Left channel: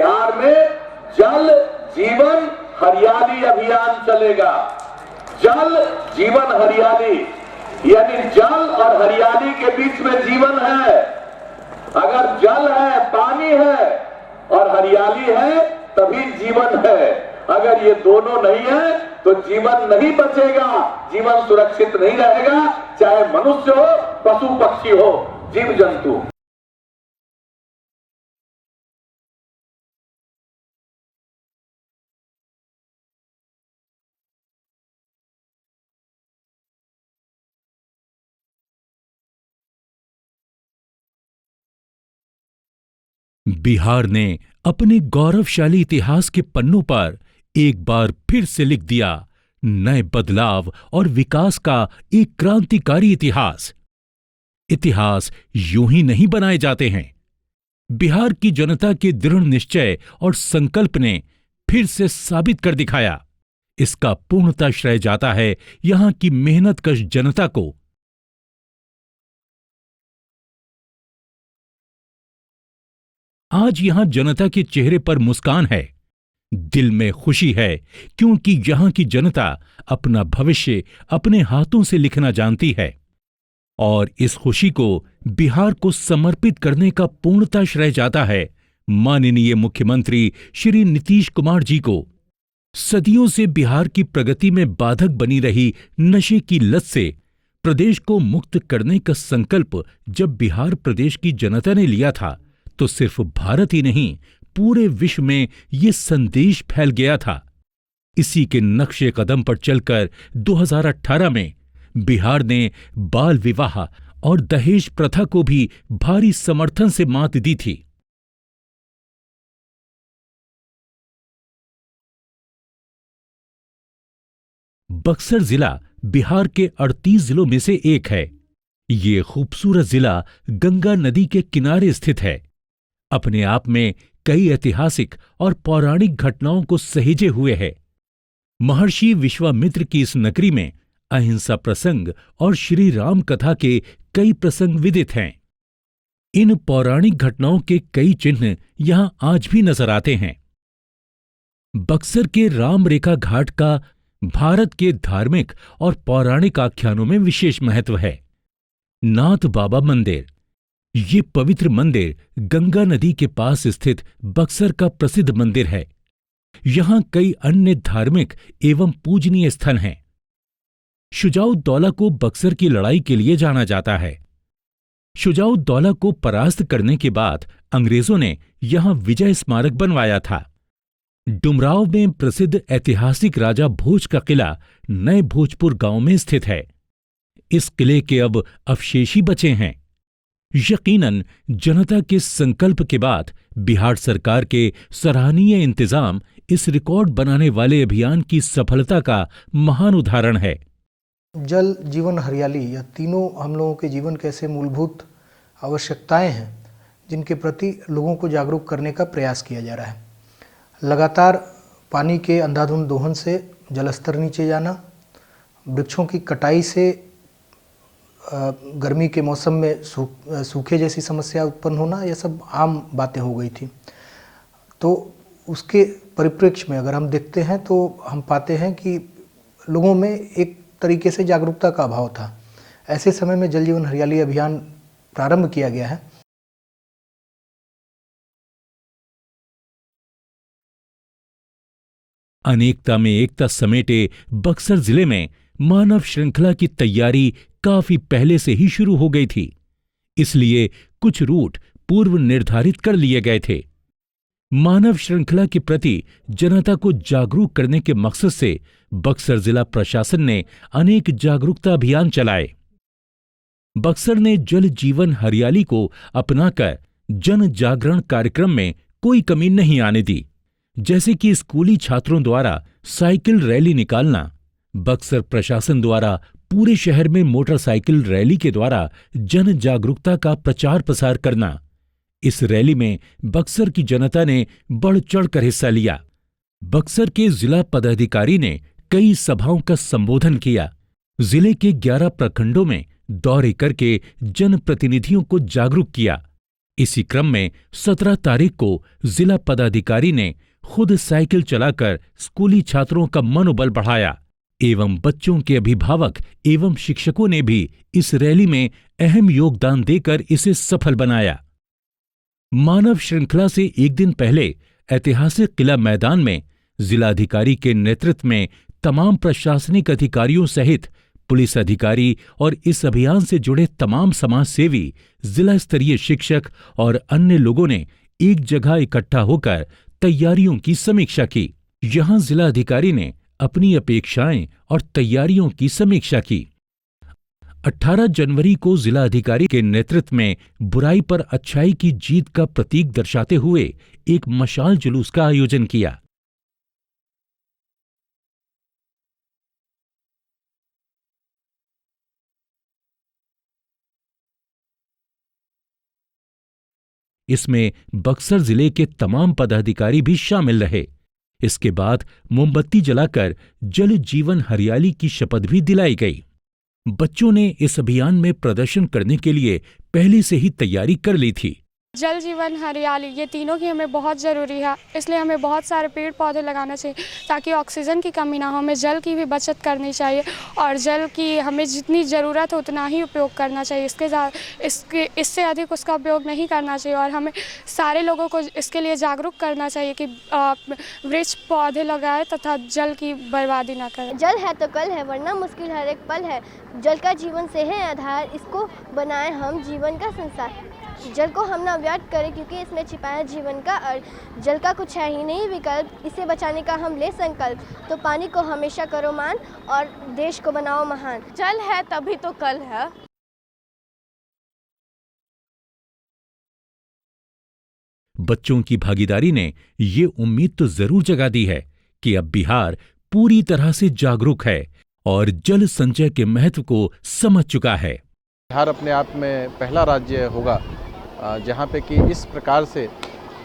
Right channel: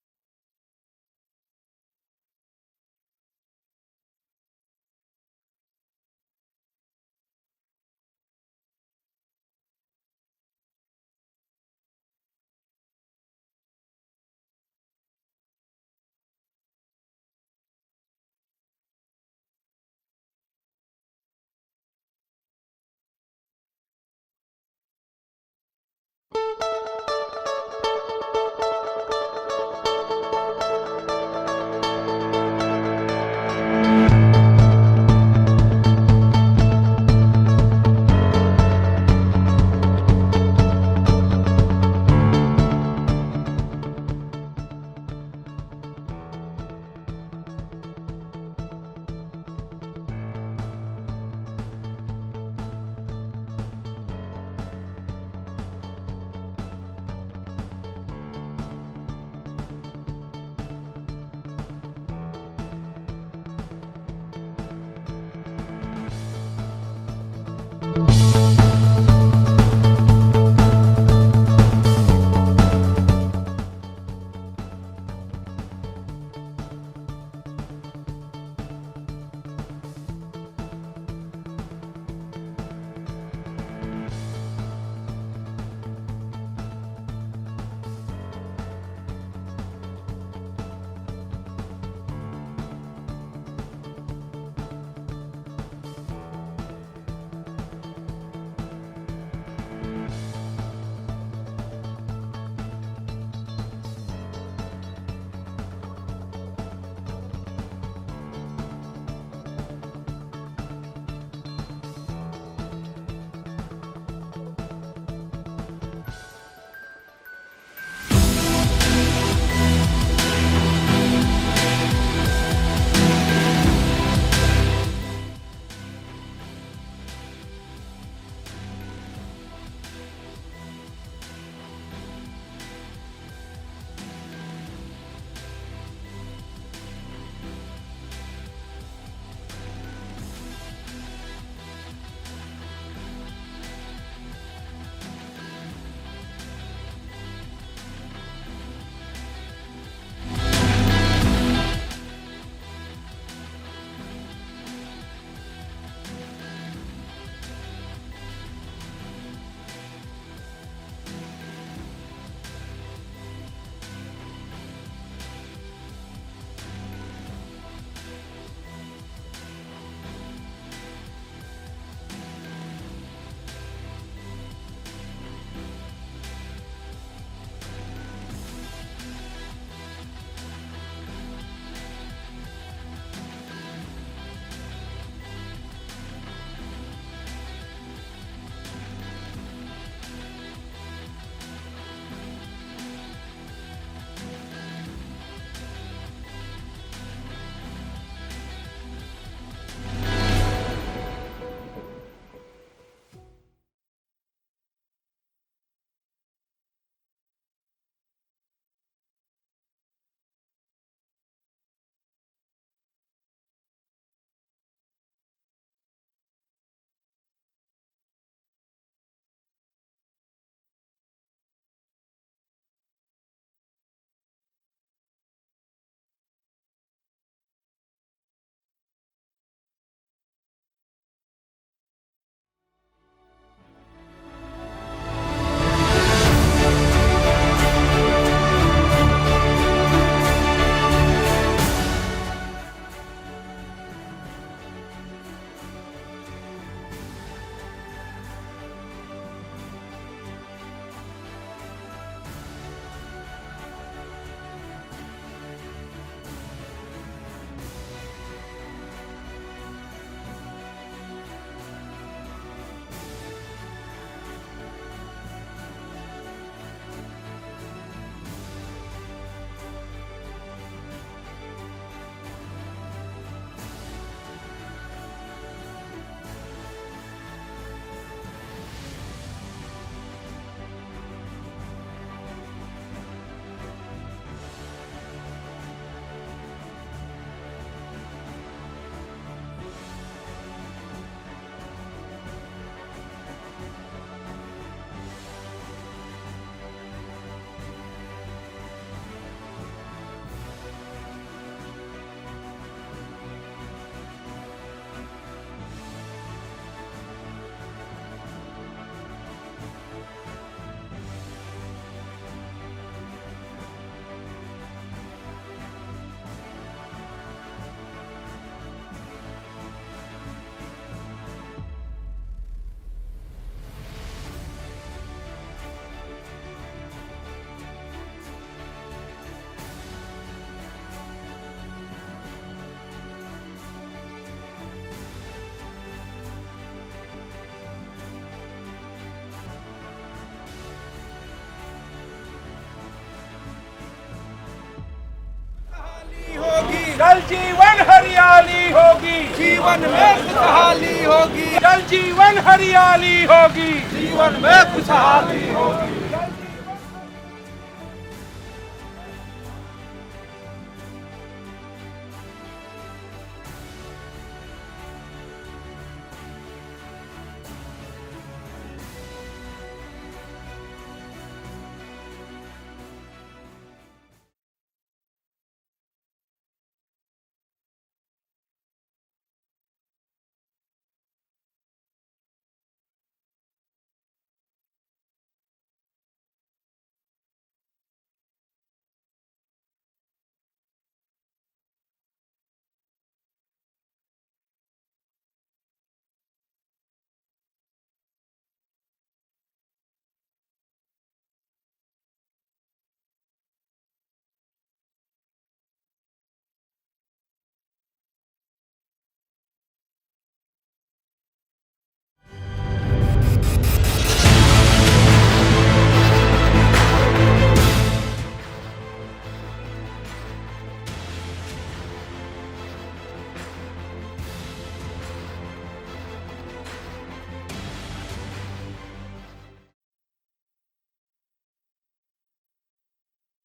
बिहार में जल जीवन हरियाली अभियान चलेगा। जल जीवन हरियाली, यानी जल और हरियाली के बीच में जीवन है। अगर जल है, पानी है और हरियाली है, तभी जीवन है। अगर ये दोनों नहीं है तो जीवन नहीं बचेगा, जीवन सुरक्षित नहीं रहेगा, चाहे मनुष्य हो, पशु पक्षी हो, जीव जंतु। बिहार ने अपने गौरवशाली इतिहास के पन्नों पर एक बार फिर से लिख दिया नए बदलाव और विकास का एक क्रांतिकारी इतिहास। इतिहास यूं ही नहीं बनाए जाते हैं। बिहार की जनता के दृढ़ निश्चय और संकल्प ने फिर से साबित कर दिखाया। इसका पूर्णतः श्रेय जाता है यहां की मेहनतकश जनता को। आज यहां जनता के चेहरे पर मुस्कान है, दिल में खुशी है, क्योंकि यहां की जनता अपना भविष्य अपने हाथों से लिखना जानती है। और इस खुशी को बिहार को समर्पित करने का पूर्णतः श्रेय जाता है माननीय मुख्यमंत्री श्री नीतीश कुमार जी को। सदियों से बिहार की प्रगति में बाधक बनी रही नशे की लत से प्रदेश को मुक्त करने का संकल्प जब बिहार प्रदेश की जनता ने लिया था, तो सिर्फ भारत ही नहीं, पूरे विश्व में ये संदेश फैल गया था। इसी के नक्शे कदम पर चलकर 2018 में बिहार ने बाल विवाह और दहेज प्रथा को भी भारी समर्थन से मात दी थी। बक्सर जिला बिहार के 38 जिलों में से एक है। ये खूबसूरत जिला गंगा नदी के किनारे स्थित है। अपने आप में कई ऐतिहासिक और पौराणिक घटनाओं को सहेजे हुए है। महर्षि विश्वामित्र की इस नगरी में अहिंसा प्रसंग और श्री राम कथा के कई प्रसंग विदित हैं। इन पौराणिक घटनाओं के कई चिन्ह यहाँ आज भी नजर आते हैं। बक्सर के राम रेखा घाट का भारत के धार्मिक और पौराणिक आख्यानों में विशेष महत्व है। नाथ बाबा मंदिर, ये पवित्र मंदिर गंगा नदी के पास स्थित बक्सर का प्रसिद्ध मंदिर है। यहाँ कई अन्य धार्मिक एवं पूजनीय स्थल हैं। शुजाउद्दौला को बक्सर की लड़ाई के लिए जाना जाता है। शुजाउद्दौला को परास्त करने के बाद अंग्रेजों ने यहाँ विजय स्मारक बनवाया था। डुमराव में प्रसिद्ध ऐतिहासिक राजा भोज का किला नए भोजपुर गांव में स्थित है। इस किले के अब अवशेष ही बचे हैं। यकीनन जनता के संकल्प के बाद बिहार सरकार के सराहनीय इंतजाम इस रिकॉर्ड बनाने वाले अभियान की सफलता का महान उदाहरण है। जल, जीवन, हरियाली, यह तीनों हम लोगों के जीवन के ऐसे मूलभूत आवश्यकताएं हैं जिनके प्रति लोगों को जागरूक करने का प्रयास किया जा रहा है। लगातार पानी के अंधाधुंध दोहन से जलस्तर नीचे जाना, वृक्षों की कटाई से गर्मी के मौसम में सूखे जैसी समस्या उत्पन्न होना, यह सब आम बातें हो गई थी। तो उसके परिप्रेक्ष्य में अगर हम देखते हैं तो हम पाते हैं कि लोगों में एक तरीके से जागरूकता का अभाव था। ऐसे समय में जल जीवन हरियाली अभियान प्रारंभ किया गया है। अनेकता में एकता समेटे बक्सर जिले में मानव श्रृंखला की तैयारी काफी पहले से ही शुरू हो गई थी। इसलिए कुछ रूट पूर्व निर्धारित कर लिए गए थे। मानव श्रृंखला के प्रति जनता को जागरूक करने के मकसद से बक्सर जिला प्रशासन ने अनेक जागरूकता अभियान चलाए। बक्सर ने जल जीवन हरियाली को अपनाकर जन जागरण कार्यक्रम में कोई कमी नहीं आने दी। जैसे कि स्कूली छात्रों द्वारा साइकिल रैली निकालना, बक्सर प्रशासन द्वारा पूरे शहर में मोटरसाइकिल रैली के द्वारा जन जागरूकता का प्रचार प्रसार करना। इस रैली में बक्सर की जनता ने बढ़ चढ़कर हिस्सा लिया। बक्सर के जिला पदाधिकारी ने कई सभाओं का संबोधन किया। जिले के 11 प्रखंडों में दौरे करके जन प्रतिनिधियों को जागरूक किया। इसी क्रम में 17 तारीख को जिला पदाधिकारी ने खुद साइकिल चलाकर स्कूली छात्रों का मनोबल बढ़ाया एवं बच्चों के अभिभावक एवं शिक्षकों ने भी इस रैली में अहम योगदान देकर इसे सफल बनाया। मानव श्रृंखला से एक दिन पहले ऐतिहासिक किला मैदान में जिलाधिकारी के नेतृत्व में तमाम प्रशासनिक अधिकारियों सहित पुलिस अधिकारी और इस अभियान से जुड़े तमाम समाज सेवी, जिला स्तरीय शिक्षक और अन्य लोगों ने एक जगह इकट्ठा होकर तैयारियों की समीक्षा की। यहाँ जिला अधिकारी ने अपनी अपेक्षाएं और तैयारियों की समीक्षा की। 18 जनवरी को जिला अधिकारी के नेतृत्व में बुराई पर अच्छाई की जीत का प्रतीक दर्शाते हुए एक मशाल जुलूस का आयोजन किया। जल जीवन हरियाली होगी, जीवन में खुशहाली होगी। जल जीवन हरियाली होगी, जीवन में खुशहाली होगी। इसमें बक्सर जिले के तमाम पदाधिकारी भी शामिल रहे। इसके बाद मोमबत्ती जलाकर जल जीवन हरियाली की शपथ भी दिलाई गई। बच्चों ने इस अभियान में प्रदर्शन करने के लिए पहले से ही तैयारी कर ली थी। जल जीवन हरियाली ये तीनों की हमें बहुत ज़रूरी है, इसलिए हमें बहुत सारे पेड़ पौधे लगाना चाहिए ताकि ऑक्सीजन की कमी ना हो। हमें जल की भी बचत करनी चाहिए और जल की हमें जितनी ज़रूरत हो उतना ही उपयोग करना चाहिए। इससे अधिक उसका उपयोग नहीं करना चाहिए और हमें सारे लोगों को इसके लिए जागरूक करना चाहिए कि वृक्ष पौधे लगाएं तथा जल की बर्बादी ना करें। जल है तो कल है, वरना मुश्किल हर एक पल है। जल का जीवन से है आधार, इसको बनाएं हम जीवन का संसार। जल को हम ना व्यर्थ करें क्योंकि इसमें छिपा है जीवन का अर्थ। जल का कुछ है ही नहीं विकल्प, इसे बचाने का हम ले संकल्प। तो पानी को हमेशा करो मान और देश को बनाओ महान। जल है तभी तो कल है। बच्चों की भागीदारी ने ये उम्मीद तो जरूर जगा दी है कि अब बिहार पूरी तरह से जागरूक है और जल संचय के महत्व को समझ चुका है। बिहार अपने आप में पहला राज्य होगा जहाँ पे कि इस प्रकार से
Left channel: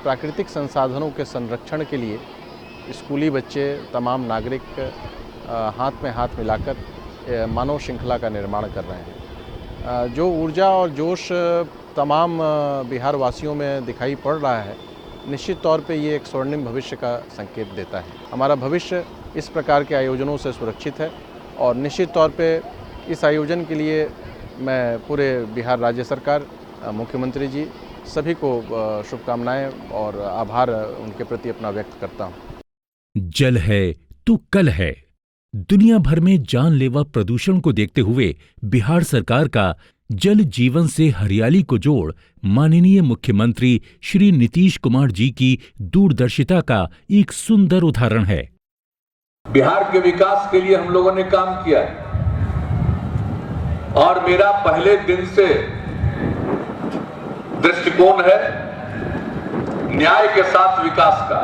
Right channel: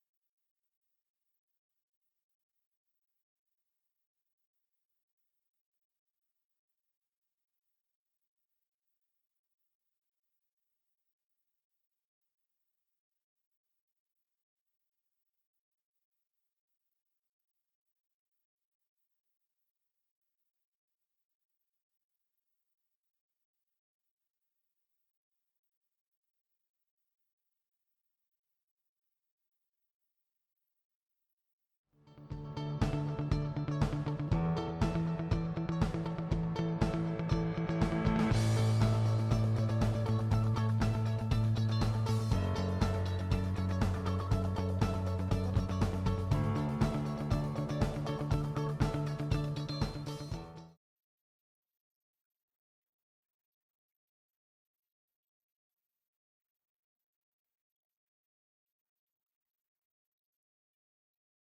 प्राकृतिक संसाधनों के संरक्षण के लिए स्कूली बच्चे, तमाम नागरिक हाथ में हाथ मिलाकर मानव श्रृंखला का निर्माण कर रहे हैं। जो ऊर्जा और जोश तमाम बिहार वासियों में दिखाई पड़ रहा है, निश्चित तौर पे ये एक स्वर्णिम भविष्य का संकेत देता है। हमारा भविष्य इस प्रकार के आयोजनों से सुरक्षित है और निश्चित तौर पे इस आयोजन के लिए मैं पूरे बिहार राज्य सरकार, मुख्यमंत्री जी सभी को शुभकामनाएं और आभार उनके प्रति अपना व्यक्त करता हूं। जल है तो कल है। दुनिया भर में जानलेवा प्रदूषण को देखते हुए बिहार सरकार का जल जीवन से हरियाली को जोड़ माननीय मुख्यमंत्री श्री नीतीश कुमार जी की दूरदर्शिता का एक सुंदर उदाहरण है। बिहार के विकास के लिए हम लोगों ने काम किया और मेरा पहले दिन से दृष्टिकोण है न्याय के साथ विकास का,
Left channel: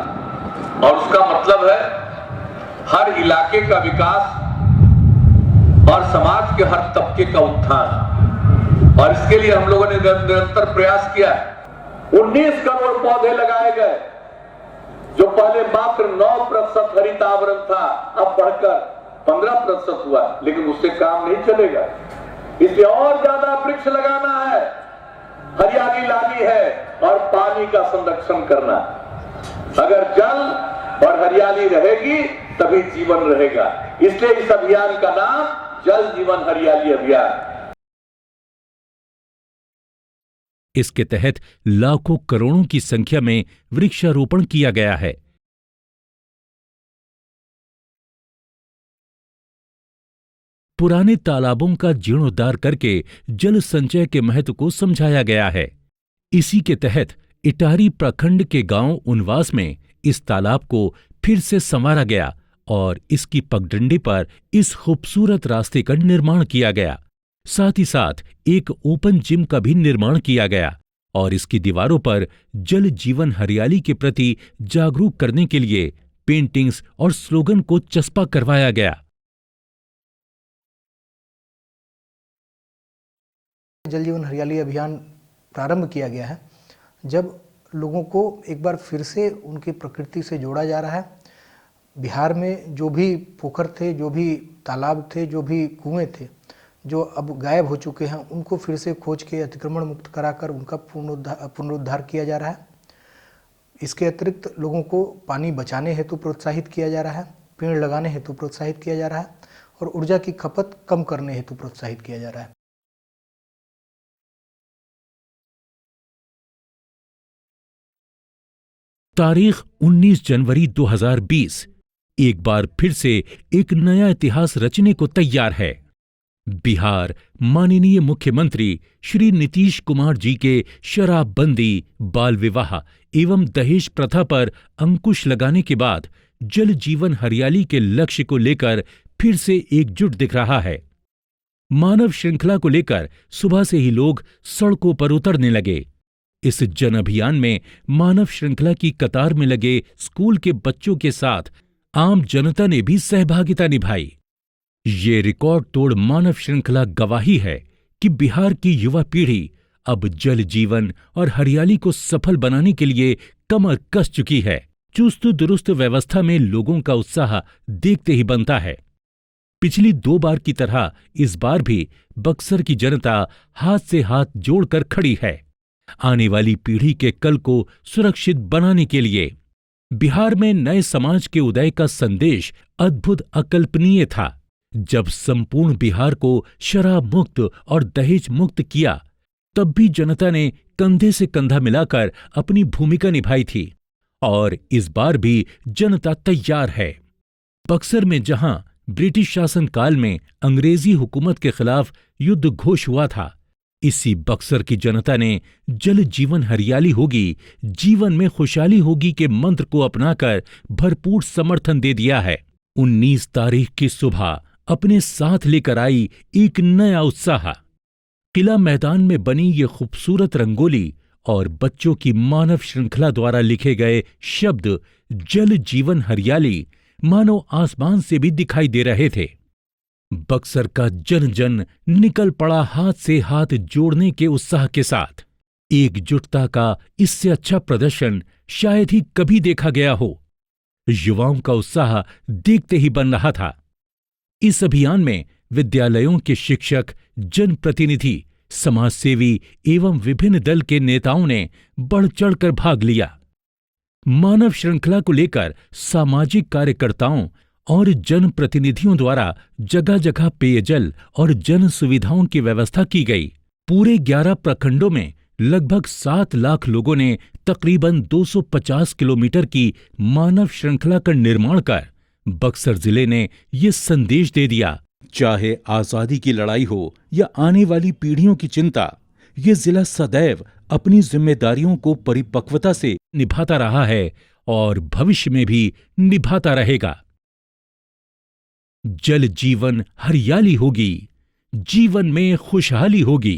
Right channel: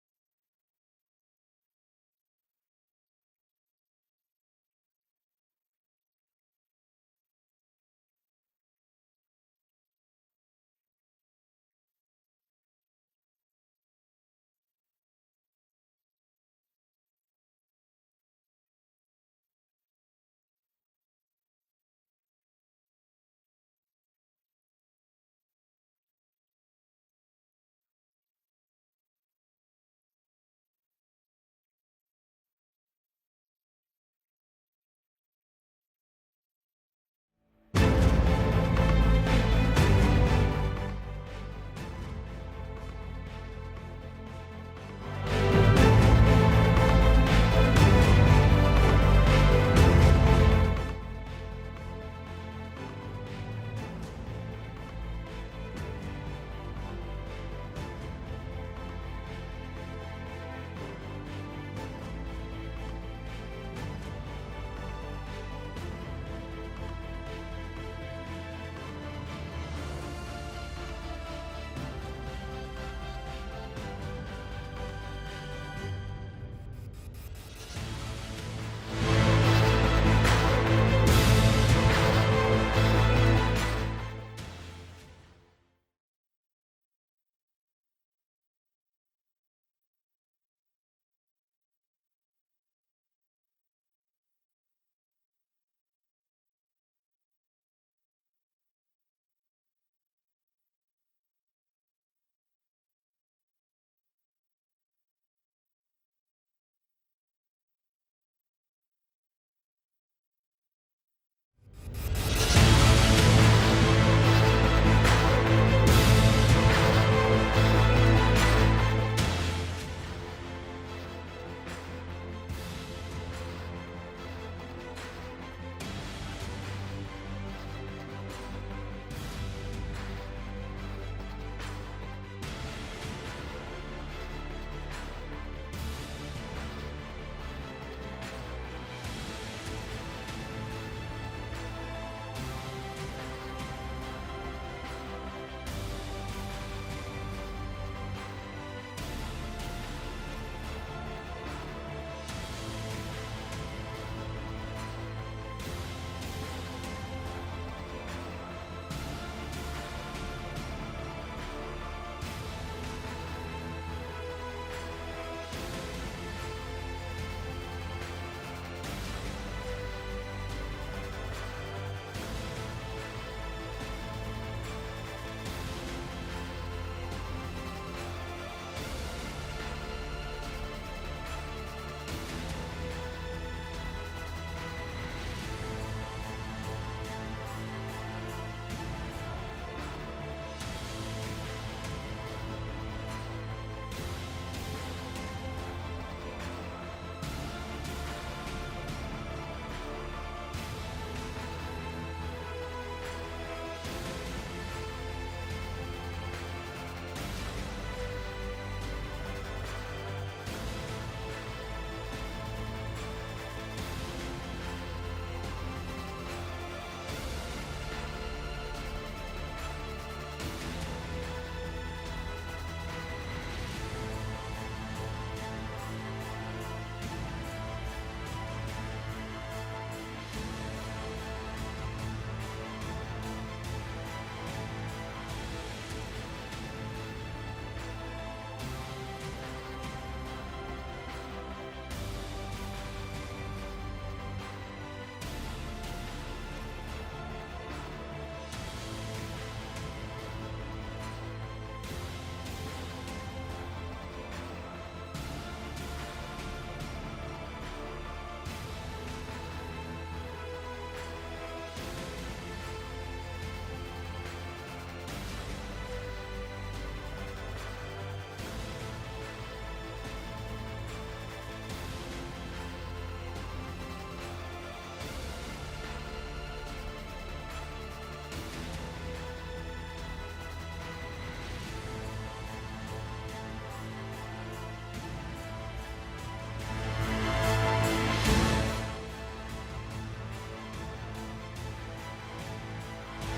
और उसका मतलब है हर इलाके का विकास और समाज के हर तबके का उत्थान। और इसके लिए हम लोगों ने निरंतर प्रयास किया। 19 करोड़ पौधे लगाए गए, जो पहले मात्र 9% हरित आवरण था, अब बढ़कर 15% हुआ, लेकिन उससे काम नहीं चलेगा। इसलिए और ज्यादा वृक्ष लगाना है, हरियाली लानी है और पानी का संरक्षण करना। अगर जल और हरियाली रहेगी तभी जीवन रहेगा। इसलिए इस अभियान का नाम जल जीवन हरियाली अभियान। इसके तहत लाखों करोड़ों की संख्या में वृक्षारोपण किया गया है। पुराने तालाबों का जीर्णोद्धार करके जल संचय के महत्व को समझाया गया है। इसी के तहत इटारी प्रखंड के गांव उनवास में इस तालाब को फिर से संवारा गया और इसकी पगडंडी पर इस खूबसूरत रास्ते का निर्माण किया गया। साथ ही साथ एक ओपन जिम का भी निर्माण किया गया और इसकी दीवारों पर जल जीवन हरियाली के प्रति जागरूक करने के लिए पेंटिंग्स और स्लोगन को चस्पा करवाया गया। जल जीवन हरियाली अभियान प्रारंभ किया गया है जब लोगों को एक बार फिर से उनकी प्रकृति से जोड़ा जा रहा है। बिहार में जो भी पोखर थे, जो भी तालाब थे, जो भी कुएं थे, जो अब गायब हो चुके हैं, उनको फिर से खोज के अतिक्रमण मुक्त कराकर उनका पुनरुद्धार किया जा रहा है। इसके अतिरिक्त लोगों को पानी बचाने हेतु प्रोत्साहित किया जा रहा है, पेड़ लगाने हेतु प्रोत्साहित किया जा रहा है और ऊर्जा की खपत कम करने हेतु प्रोत्साहित किया जा रहा है। तारीख 19 जनवरी 2020 एक बार फिर से एक नया इतिहास रचने को तैयार है। बिहार माननीय मुख्यमंत्री श्री नीतीश कुमार जी के शराबबंदी, बाल विवाह एवं दहेज प्रथा पर अंकुश लगाने के बाद जल जीवन हरियाली के लक्ष्य को लेकर फिर से एकजुट दिख रहा है। मानव श्रृंखला को लेकर सुबह से ही लोग सड़कों पर उतरने लगे। इस जन अभियान में मानव श्रृंखला की कतार में लगे स्कूल के बच्चों के साथ आम जनता ने भी सहभागिता निभाई। ये रिकॉर्ड तोड़ मानव श्रृंखला गवाही है कि बिहार की युवा पीढ़ी अब जल जीवन और हरियाली को सफल बनाने के लिए कमर कस चुकी है। चुस्त दुरुस्त व्यवस्था में लोगों का उत्साह देखते ही बनता है। पिछली 2 बार की तरह इस बार भी बक्सर की जनता हाथ से हाथ जोड़कर खड़ी है। आने वाली पीढ़ी के कल को सुरक्षित बनाने के लिए बिहार में नए समाज के उदय का संदेश अद्भुत अकल्पनीय था। जब संपूर्ण बिहार को शराब मुक्त और दहेज मुक्त किया, तब भी जनता ने कंधे से कंधा मिलाकर अपनी भूमिका निभाई थी और इस बार भी जनता तैयार है। बक्सर में जहां ब्रिटिश शासन काल में अंग्रेजी हुकूमत के खिलाफ युद्ध घोष हुआ था, इसी बक्सर की जनता ने जल जीवन हरियाली होगी, जीवन में खुशहाली होगी के मंत्र को अपनाकर भरपूर समर्थन दे दिया है। 19 तारीख की सुबह अपने साथ लेकर आई एक नया उत्साह। किला मैदान में बनी ये खूबसूरत रंगोली और बच्चों की मानव श्रृंखला द्वारा लिखे गए शब्द जल जीवन हरियाली मानो आसमान से भी दिखाई दे रहे थे। बक्सर का जन जन निकल पड़ा हाथ से हाथ जोड़ने के उत्साह के साथ। एकजुटता का इससे अच्छा प्रदर्शन शायद ही कभी देखा गया हो। युवाओं का उत्साह देखते ही बन रहा था। इस अभियान में विद्यालयों के शिक्षक, जनप्रतिनिधि, समाजसेवी एवं विभिन्न दल के नेताओं ने बढ़ चढ़कर भाग लिया। मानव श्रृंखला को लेकर सामाजिक कार्यकर्ताओं और जनप्रतिनिधियों द्वारा जगह जगह पेयजल और जन सुविधाओं की व्यवस्था की गई। पूरे 11 प्रखंडों में लगभग 7 लाख लोगों ने तकरीबन 250 किलोमीटर की मानव श्रृंखला का निर्माण कर बक्सर जिले ने ये संदेश दे दिया, चाहे आजादी की लड़ाई हो या आने वाली पीढ़ियों की चिंता, ये जिला सदैव अपनी जिम्मेदारियों को परिपक्वता से निभाता रहा है और भविष्य में भी निभाता रहेगा। जल जीवन हरियाली होगी, जीवन में खुशहाली होगी।